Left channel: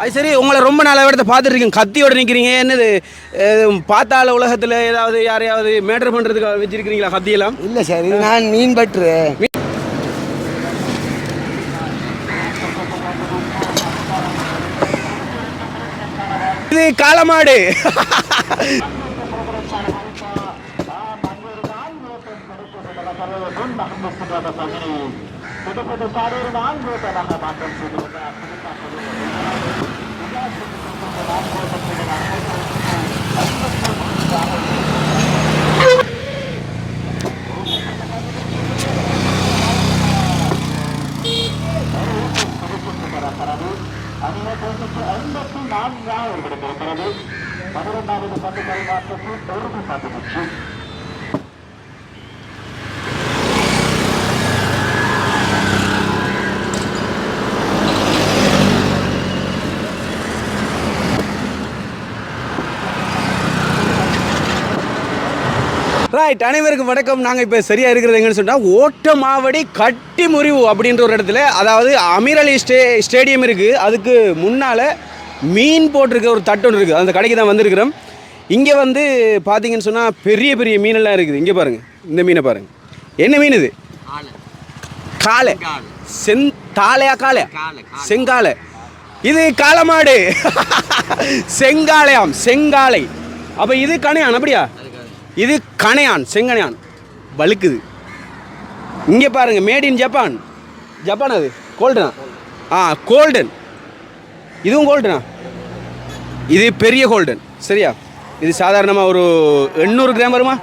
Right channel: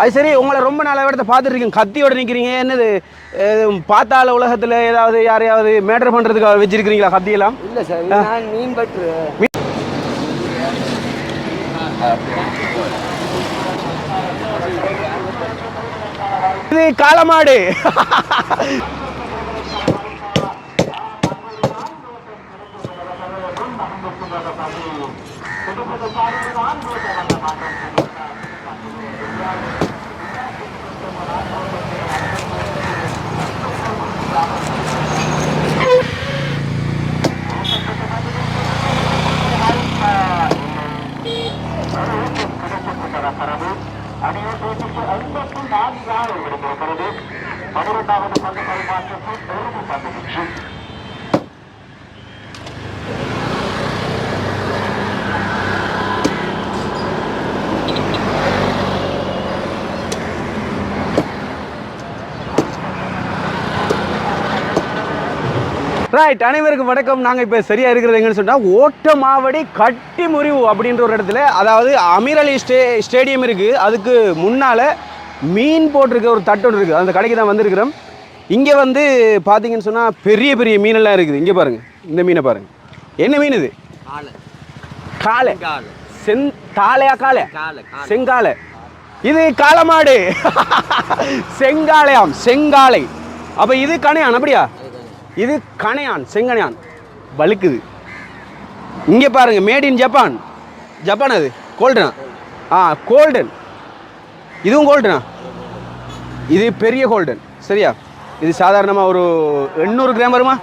அது சரி, உங்களை ரொம்ப நாளாக இடத்த பார்த்துட்டு இருக்கீங்க, கத்தியோட நிற்கிறீங்க. என்னது பார்த்தால உலகத்தில் ஏதாவது யாரையாவது மேட்டர் பண்ணுறதுக்கு வச்சிருக்கிறீங்களா கத்தியெல்லாம்? இல்லை சார், நான் மீன் பற்று. இது காளமாடு. ரைட், அனைவருக்கும் வணக்கம். நாங்கள் இப்போ சரியாக இருக்கிறது எங்கன்னு சொன்னால் ஓட்டமாவடி கட்டி முறிவு அப்படின்ற ஒரு இடத்துல, அதாவது அமீர் அலி ஸ்டேடியம் இருக்குது, அதுக்கு முன்னால் மீன் போட்டிருக்க ஒரு தட்டு ஒன்று இருக்குது. அந்த கடைக்கு தான் வந்திருக்கிறோம். இங்கே வந்து பார்த்தீங்கன்னு சொன்னால் பெரிய பெரிய மீனெல்லாம் இருக்குது. இங்கே பாருங்கள், இந்த மீனை பாருங்கள். என்ன மீன் இது? காளை. தாளையா காளை? செங்காலை. இது காளமாடு. செங்காலையாம், செங்காலை. அப்போ இது கணையான் அப்படியா? இது கணையான், செங்கணையான் வழுக்குது. இங்கே பாருங்கள், மேட் இன் ஜப்பான். ஜப்பான் அது கோல்டனா? கோல்டன். இதுவும் கோல்டனா? இது பெரிய கோல்டன். சரியா? இது சாதாரணமாக ஒரு 800 கிராம் வருமா?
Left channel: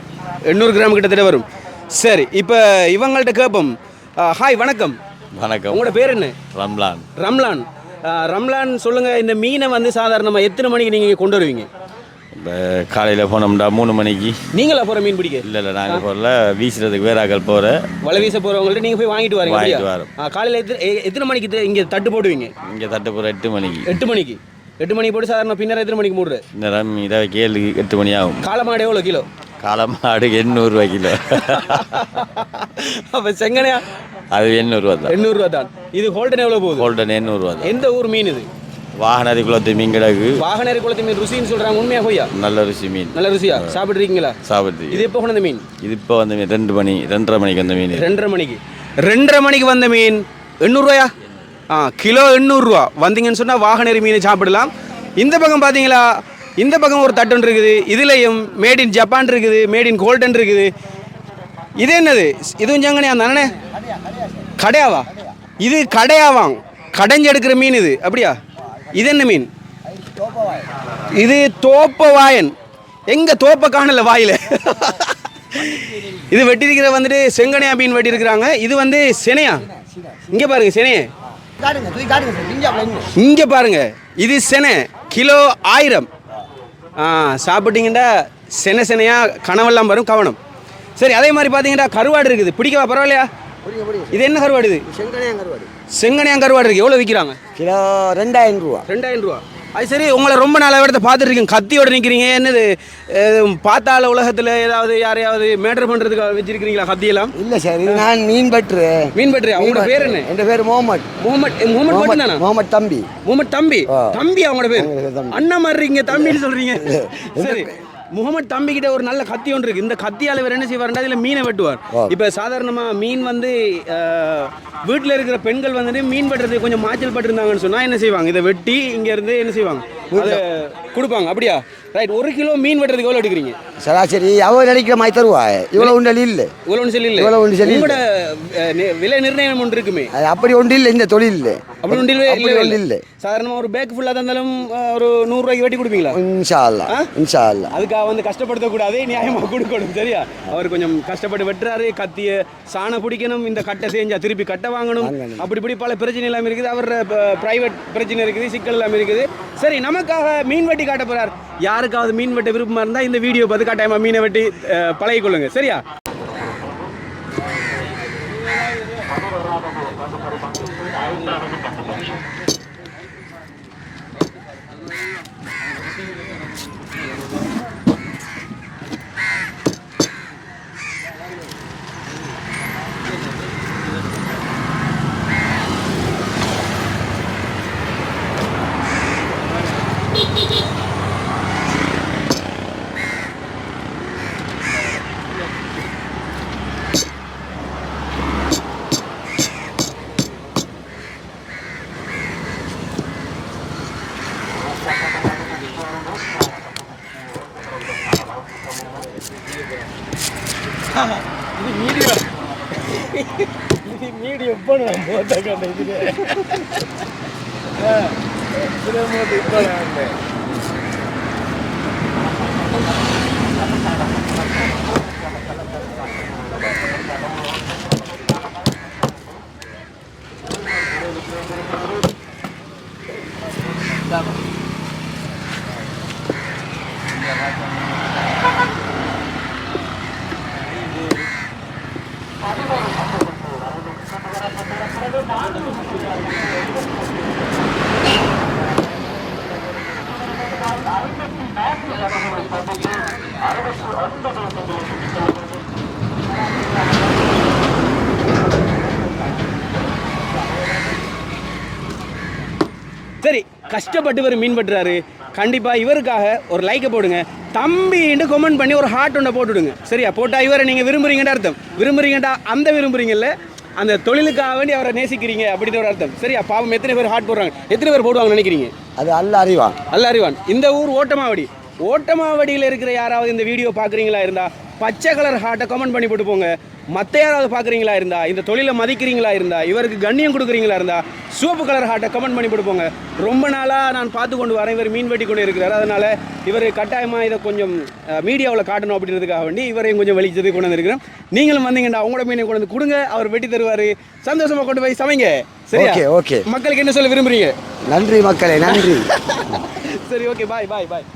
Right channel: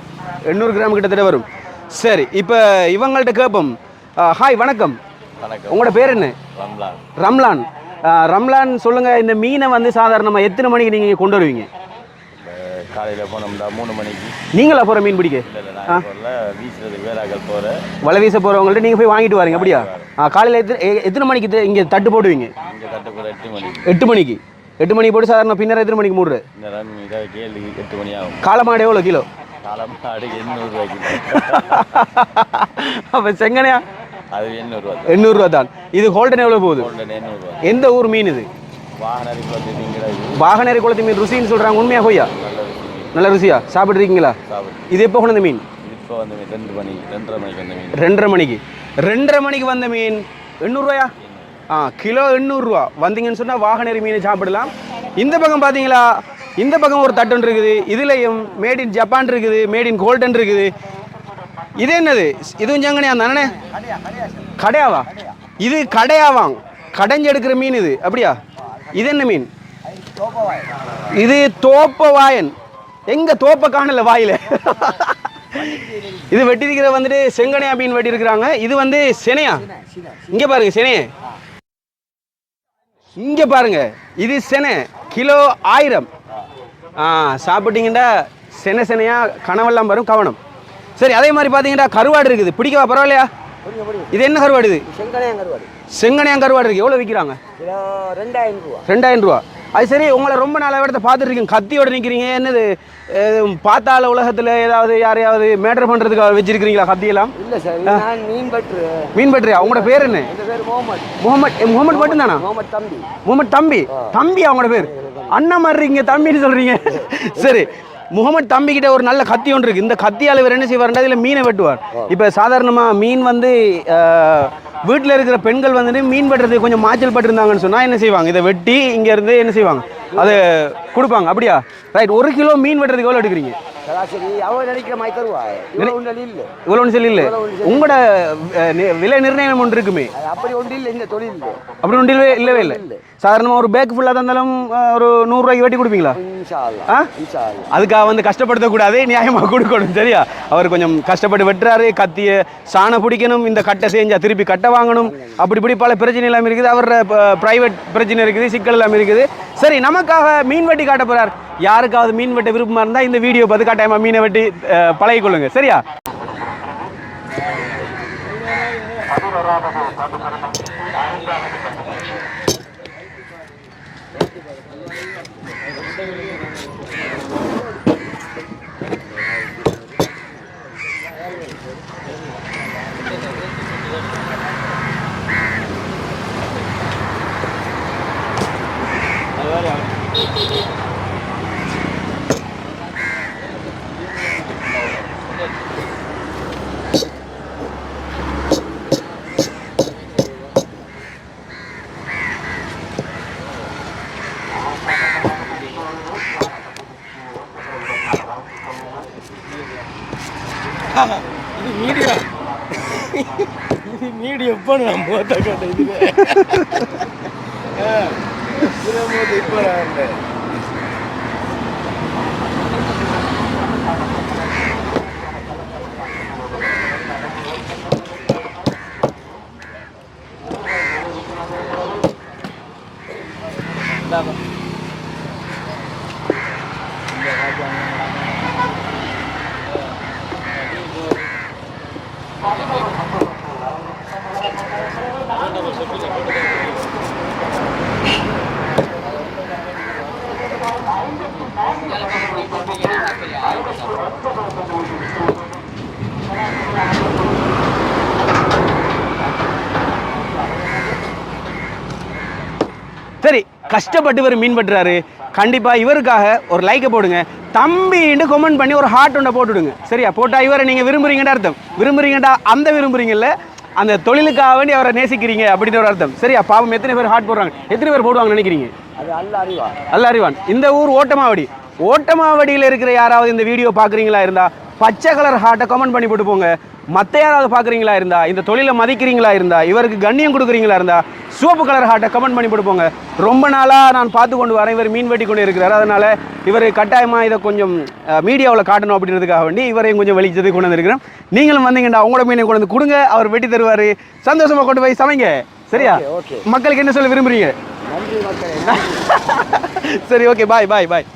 800 கிராம் கிட்டத்தட்ட வரும். சரி, இப்போ இவங்கள்ட்ட கேட்போம். ஹாய், வணக்கம். வணக்கம். உங்களோட பேர் என்ன? ரம்லான். ரம்லான். ரம்லான், சொல்லுங்கள், இந்த மீனை வந்து சாதாரணமாக எத்தனை மணிக்கு நீங்கள் கொண்டு வருவீங்க? காலையில் போனோம்டா 3 மணிக்கு. நீங்களா போகிற மீன் பிடிக்க? இல்லை, நாங்கள் போகல, வீசுறதுக்கு வேறாக்கள் போகிறேன். வலை வீச போகிறவங்கள்ட்ட நீங்கள் போய் வாங்கிட்டு வரீங்க அப்படியா? காலையில் எத்தனை மணிக்கு இங்கே தட்டு போடுவீங்க? இங்கே தட்டு போகிற 8 மணிக்கு. 8 மணிக்கு. 8 மணிக்கு போட்டு சாதாரண பின்னர் எத்தனை மணிக்கு மூடுற? நேரம் இதை 7-8 மணி ஆகும். காளமாடு எவ்வளோ கிலோ? காளமாடு 800 ரூபா கிலோ. அப்போ செங்கனையா? அது 800 ரூபா தான். 800 ரூபா தான். இது ஹோல்டன் எவ்வளோ போகுது? ஹோல்டன் 800 ரூபா. எந்த ஊர் மீன் இது? வாகனரி குளத்து மீன் கிடக்கு. வாகனரி குளத்து மீன் ருசின்னு சொல்கிறாங்க, உண்மையாக போய்யா? நல்ல ருசி மீன். நல்ல ருசியா? சாப்பிட்றீங்களா? சாப்பிட்டு. இது எப்போ கொண்டு மீன்? இது இப்போ வந்த மீன் 2:30 மணிக்கு வந்த மீன். 2:30 மணிக்கு. 2:30 மணிக்கு வந்த மீன் 800 ரூபாயா? கிலோ 800 ரூபா. வந்தீங்கன்னு சொன்னால் வாகனரி மீன் சாப்பிடலாம். இந்த பக்கம் பார்த்தீங்களா, இந்த பக்கம் ஒரு தட்டன் இருக்குது. இதுலேயும் மேட் இன் ஜப்பான் இருக்குது, மேட் இன் கோல்டன் இருக்குது. இது என்னது? இதுவும் ஜங்கனையா தானே? கடையாவா? இது கடையாவாங்க, கடைஞ்சு எடுக்கிற மீன் இது அப்படியா? இது என்ன மீன்? இது தோப்பவாயன். எங்க தோப்ப காணல வாயில. இது வெட்டிருக்கிற வந்துட்டு செங்கனையா மீன் வெட்டி இருக்கிறாங்க. இது வந்து செனையா? இங்க பாருங்க, செனைய இங்க பாருங்க. இது செனை, கிலோ 1000. சாப்பிட்டீங்கன்னா செனையா கனவெல்லாம் வரும், கவனம். சரி, அதே மாதிரி பார்த்தீங்கன்னா கருவாடு இருக்குது. பிடிக்கவா? பரவாயில்லையா? இது என்ன கருவாடு? இது செங்கனையான் கருவாடு இருக்குது. எவ்வளோ விற்கிறாங்க? கிலோ 2000 ரூபா. 2000 ரூபா. அது சரி, உங்களை ரொம்ப நாளாக இடத்த பார்த்துட்டு இருக்கீங்க, கத்தியோட நிற்கிறீங்க. என்னது பார்த்தால உலகத்தில் ஏதாவது யாரையாவது மேட்டர் பண்ணுறதுக்கு வச்சிருக்கிறீங்களா கத்தியெல்லாம்? இல்லை சார், நான் மீன் பற்று. மீன் பற்று. அவங்களோட பேர் என்ன? என் பேர் முகமது. முகமது மட்டும் தானா? முகமது தம்பி. முகமது தம்பி. தம்பி அவங்களோட பேர்? அண்ணா மாதிரி இருக்கீங்க, தம்பின்னு சொல்கிறீங்க. சரி, முகமது தம்பி கிட்ட ஒரு நல்ல கத்தி ஒன்று இருக்குது. இந்த கத்தியால் இவர் என்ன செய்வார்னா இதில் மீனை வெட்டுவார். இப்போ சாதாரணமாக மீன் வந்து வீட்டில் இருக்கிற பெண்கள் வந்துட்டு மீன் வெட்டுறது கொஞ்சம் மாய்ச்சல் பட்டிருந்தாங்கன்னு சொன்னால் என்ன செய்வாங்க? இதை வெட்டி இங்கேருந்து என்ன செய்வாங்க, அதை கொடுப்பாங்க அப்படியா? ரைட். 1 கிலோ மீன் வெட்டுறதுக்கு எவ்வளோ எடுக்கிறீங்க? சராசரி அவள் நினைக்கிற மாதிரி தருவா. இவ்வளோ ஒன்று இல்லை, இவ்வளோ ஒன்று சொல்லி இல்லை. உங்களோட விலை நிர்ணயம் ஒன்று இருக்குமே, அது அப்படி ஒன்று இல்லை. இந்த தொழில் இல்லை, அப்படி ஒன்று இல்லை. இல்லை. சாதாரணமாக ஒரு பேக் ஃபுல்லாக தந்தாலும் ஒரு 100 ரூபாய்க்கு வெட்டி கொடுப்பீங்களா? இன்ஷா அல்லாஹ், இன்ஷா அல்லாஹ். அதுக்காக வந்து கஷ்டப்படுத்தக்கூடாது, நியாயமாக கொடுக்கணும். சரியா? அவர் கொஞ்சம் கஷ்டப்பட்டு வெட்டுறாரு. கத்திய சாணம் பிடிக்கணும், இந்த கட்டை செஞ்சால் திருப்பி கட்டை வாங்கணும், அப்படி இப்படி பல பிரச்சனை எல்லாம் இருக்குது. அவர் ப்ரைவேட் பிரச்சனை இருக்குது, சிக்கல் எல்லாம் இருக்குது. சரி, நமக்காக மீன் வெட்டி காட்ட போகிறார். யாருக்காவது மீன் வெட்ட விருப்பமாக இருந்தால் இந்த வீடியோ பார்த்து கட்டாயமாக மீனை வெட்டி பழகிக்கொள்ளுங்க. சரியா? இது மீடியம் இது மீடியம் இப்போ நான் மூத்த கட்ட இது இப்போ சரி, கஷ்டப்பட்டு இவர் மீன் பட்டுறாரு. கண்டிப்பாக இவருக்காக ஒரு லைக்கை போடுங்க, தம்பின்னு கமெண்ட் பண்ணி ஒரு ஹார்ட் ஒன்றை போட்டுவிடுங்க. சரியா? போட்டால் இவரை நீங்கள் விரும்புறீங்கன்னு அர்த்தம். விரும்புறீங்கடா அந்த விரும்புறீங்கல்ல, அந்த தொழிலுக்காக வேண்டி அவரை நேசிக்கிறீங்க அப்படின்னு ஒரு அர்த்தம். சரியா? பாவம் எத்தனை பேர் ஹார்ட் போடுறாங்க, எத்தனை பேர் போடுவாங்கன்னு நினைக்கிறீங்க? அது அல்ல அறிவான். அல்ல அறிவான். இந்த ஊர் ஓட்டமாவடி. ஓட்டமாவடியில் இருக்கிற யாராவது இந்த வீடியோ பார்க்குறீங்களா இருந்தால் பச்சை கலர் ஹார்ட்டை கமெண்ட் பண்ணி போட்டு போங்க. மற்ற யாராவது பார்க்குறீங்களா இருந்தா, இந்த தொழிலை மதிக்கிறீங்களா இருந்தா, இவருக்கு கண்ணியம் கொடுக்குறீங்களா இருந்தா சிவப்பு கலர் ஹார்ட்டை கமெண்ட் பண்ணி போட்டு போங்க. ரொம்ப நாளாக நான் பார்த்து கொண்டு வரேன், இவர் மீன் வெட்டி கொண்டு இருக்கிறார். அதனால் இவர் கட்டாயமாக இதை கொஞ்சம் மீடியாவில் காட்டணும் அப்படின்றதுக்காக வேண்டி இவரையும் கொஞ்சம் வெளிச்சது கொண்டு வந்துருக்கிறேன். நீங்களும் வந்தீங்கடா உங்களோட மீனை கொண்டு வந்து கொடுங்க, அவர் வெட்டி தருவார். சந்தோஷமாக கொண்டு போய் சமைங்க. சரியா? ஓகே. மக்களுக்கு என்ன சொல்ல விரும்புறீங்க? நன்றி மக்களே, நன்றி. சரி, ஓகே, பாய் பாய் பாய்.